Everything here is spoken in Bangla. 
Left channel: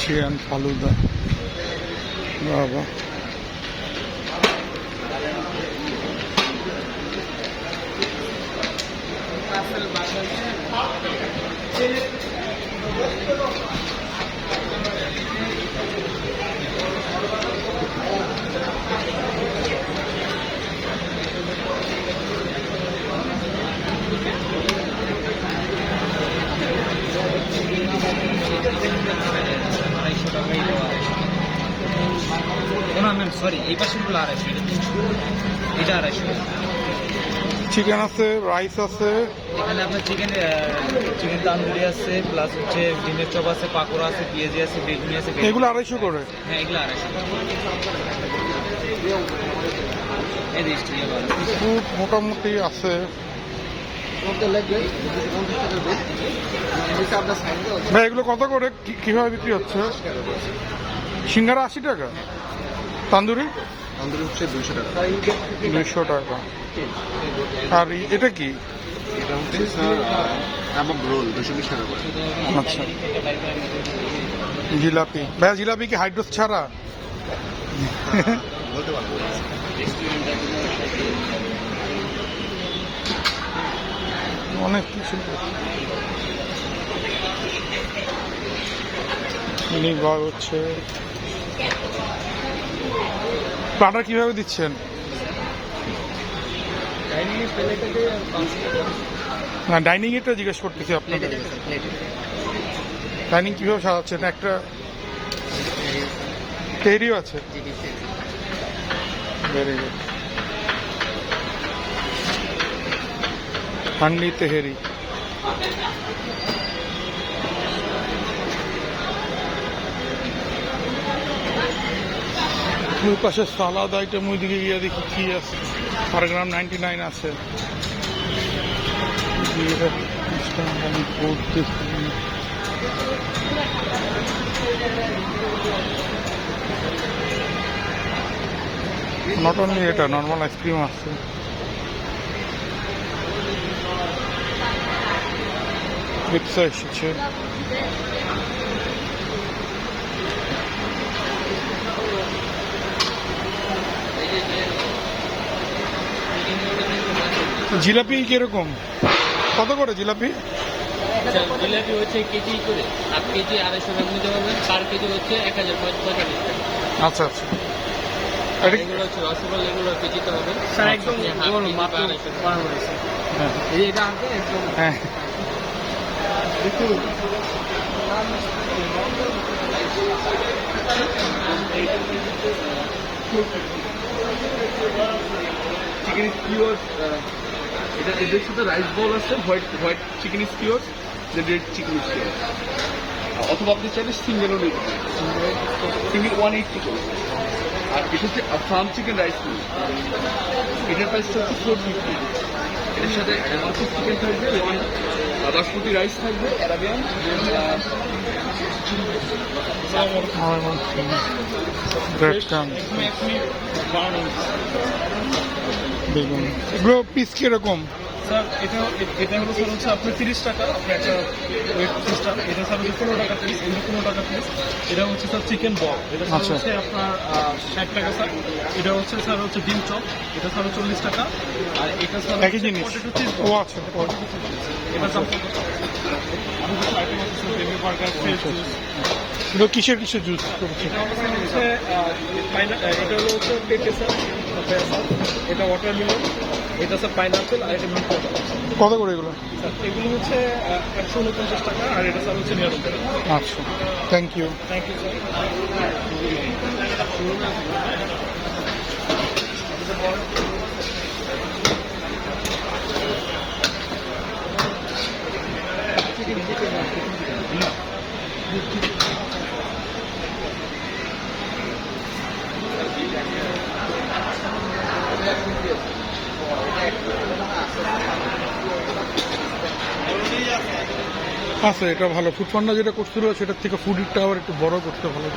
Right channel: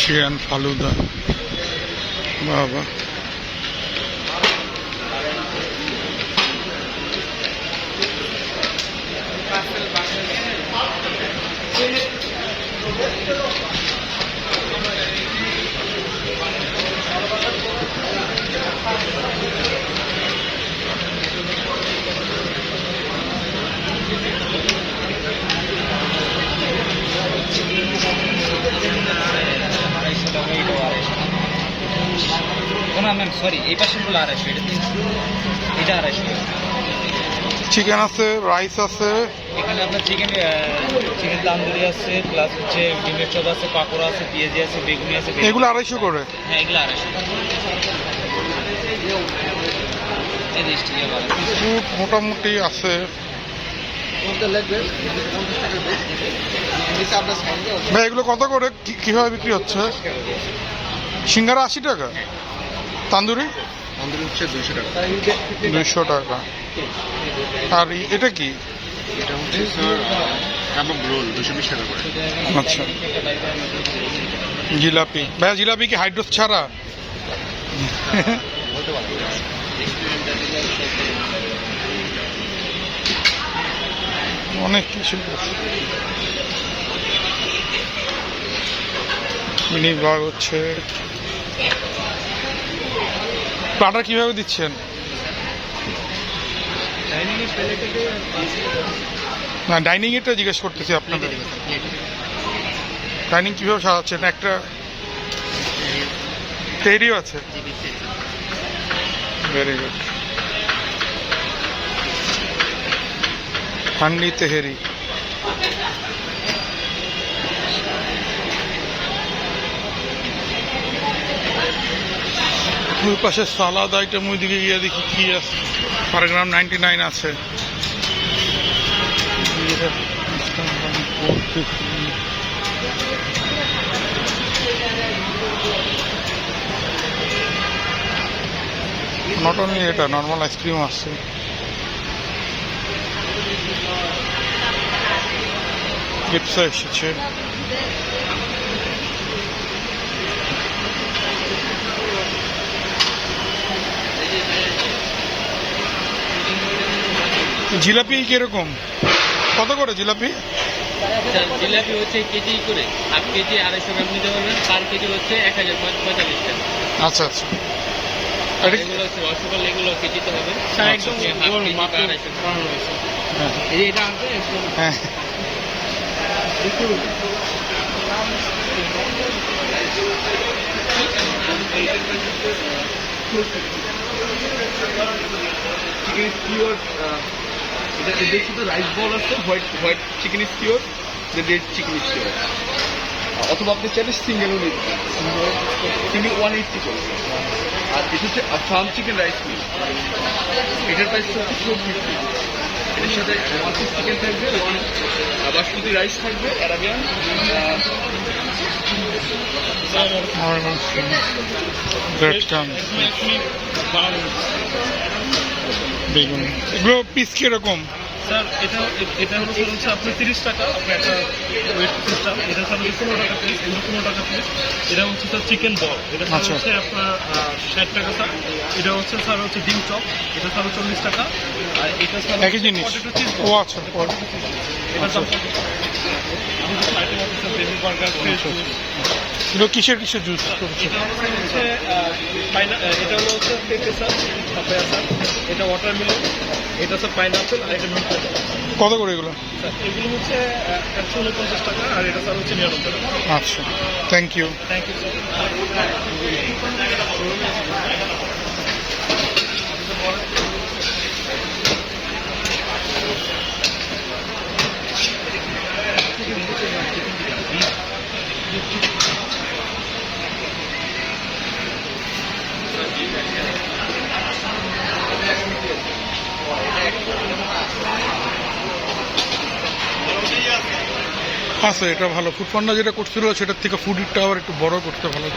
চিকেন ফালুদা বাবা, সরি এই পাশেগুলো 250, এটা 300, এটা 250। চিকেন আছে, রাইস আছে, এখানে আপনার চিকেন তান্দুরি আছে, প্লাস হচ্ছে ডিমের চপ আছে, পাকোড়া আছে, পেঁয়াজি আছে, বেগুনি আছে। এগুলো 250 করে? হ্যাঁ, এগুলো 250। ফুড মোটামুটি আছে। ভাই এগুলো কত করে, কিভাবে বিক্রি হচ্ছে? সিঙ্গারা 80 টাকা, তান্দুরি হচ্ছে 200 টাকা। 200 টাকা। আর এটা কি? এটা হচ্ছে স্যার কাবাব রোল 220 টাকা করে। আচ্ছা, জিলাপি। ভাইয়া জিলাপি কি হাইড্রোস ছাড়া? অনেক কিছু মিনি ব্লগ হচ্ছে। প্লাটার কিভাবে দিচ্ছেন? না, ডাইনিং এটা জিজ্ঞেস করতেছি আপনাদের। ডাইনিং কিভাবে সাজাচ্ছেন? একটা তেরিও আছে। Very good. হান্ডি তেহেরি। ওই পাশে সালাদ আইটেম, ওই দিকে গিয়ে দেখি কি আছে। পার গ্রাম 99 আছে। নট অনলি এটা, নর্মাল আইসক্রিম আছে। পিৎজা এসেছে। জিলাপি কিরকম, কত করে জিলাপি? জিলাপি হচ্ছে কেজি করে, 8 কেজি 250 গ্রাম নিতে পারবেন। পার কেজি হচ্ছে 1045 টাকা। আচ্ছা আচ্ছা। এগুলো হচ্ছে রসগোল্লা, এগুলো কেজিতে হবে। এটা আনতে একদম। হ্যাঁ, চিকেন স্কিওর, এটা এদের সাথে রাইস বল আছে, হোয়াইট চিকেন স্কিওর, রেড চিকেন স্কিওর। অথবা আপনি চাইলে সিঙ্গেলও নিতে পারেন। সিঙ্গেল 180 করে। আর এটা হচ্ছে ফার্ম চিকেন রাইস মিল, এটার প্রাইস হচ্ছে 450। এর সাথে 1 পিস চিকেন থাকবে, এবং বাসমতি রাইস থাকবে, অ্যারাবিয়ান। বেগুন। এগুলো পিস কিরকম? স্যার এটা হলো স্যার হচ্ছে আপনার 30 টাকা, আপনার একটা ওয়েট সিস্টেম। এটা স্যার হচ্ছে 15 টাকা পিস, এগুলো 15 টাকা পিস। এটা হচ্ছে স্যার চিকেন বল, এটা স্যার হচ্ছে আপনার 60 টাকা স্যার। এটা হচ্ছে স্যার হচ্ছে ডিম চপ, এটা স্যার 40 টাকা। আর এটা স্যার একই জিনিস। ও আচ্ছা, এটা দাম আইটেম হচ্ছে sir baby burger, fresh juice. এগুলো কিসের জুস? এটা হচ্ছে এটা হলো হচ্ছে পেঁপে স্যার, পাপায়া স্যার, এটা ওয়াটারমেলন, এটা স্যার পাইনাপেল, আর এটা মিন্ট। কত করে এগুলো? স্যার এগুলো হচ্ছে 149 টাকা, আর এটা স্যার হচ্ছে 99 টাকা। আচ্ছা, thank you. Thank you sir. আচ্ছা, এটা ভালো। ফুড পান্ডা যেটা করছিল সেটার থেকে ফুড ইটটা আবার একটু বড় করতে ভালো।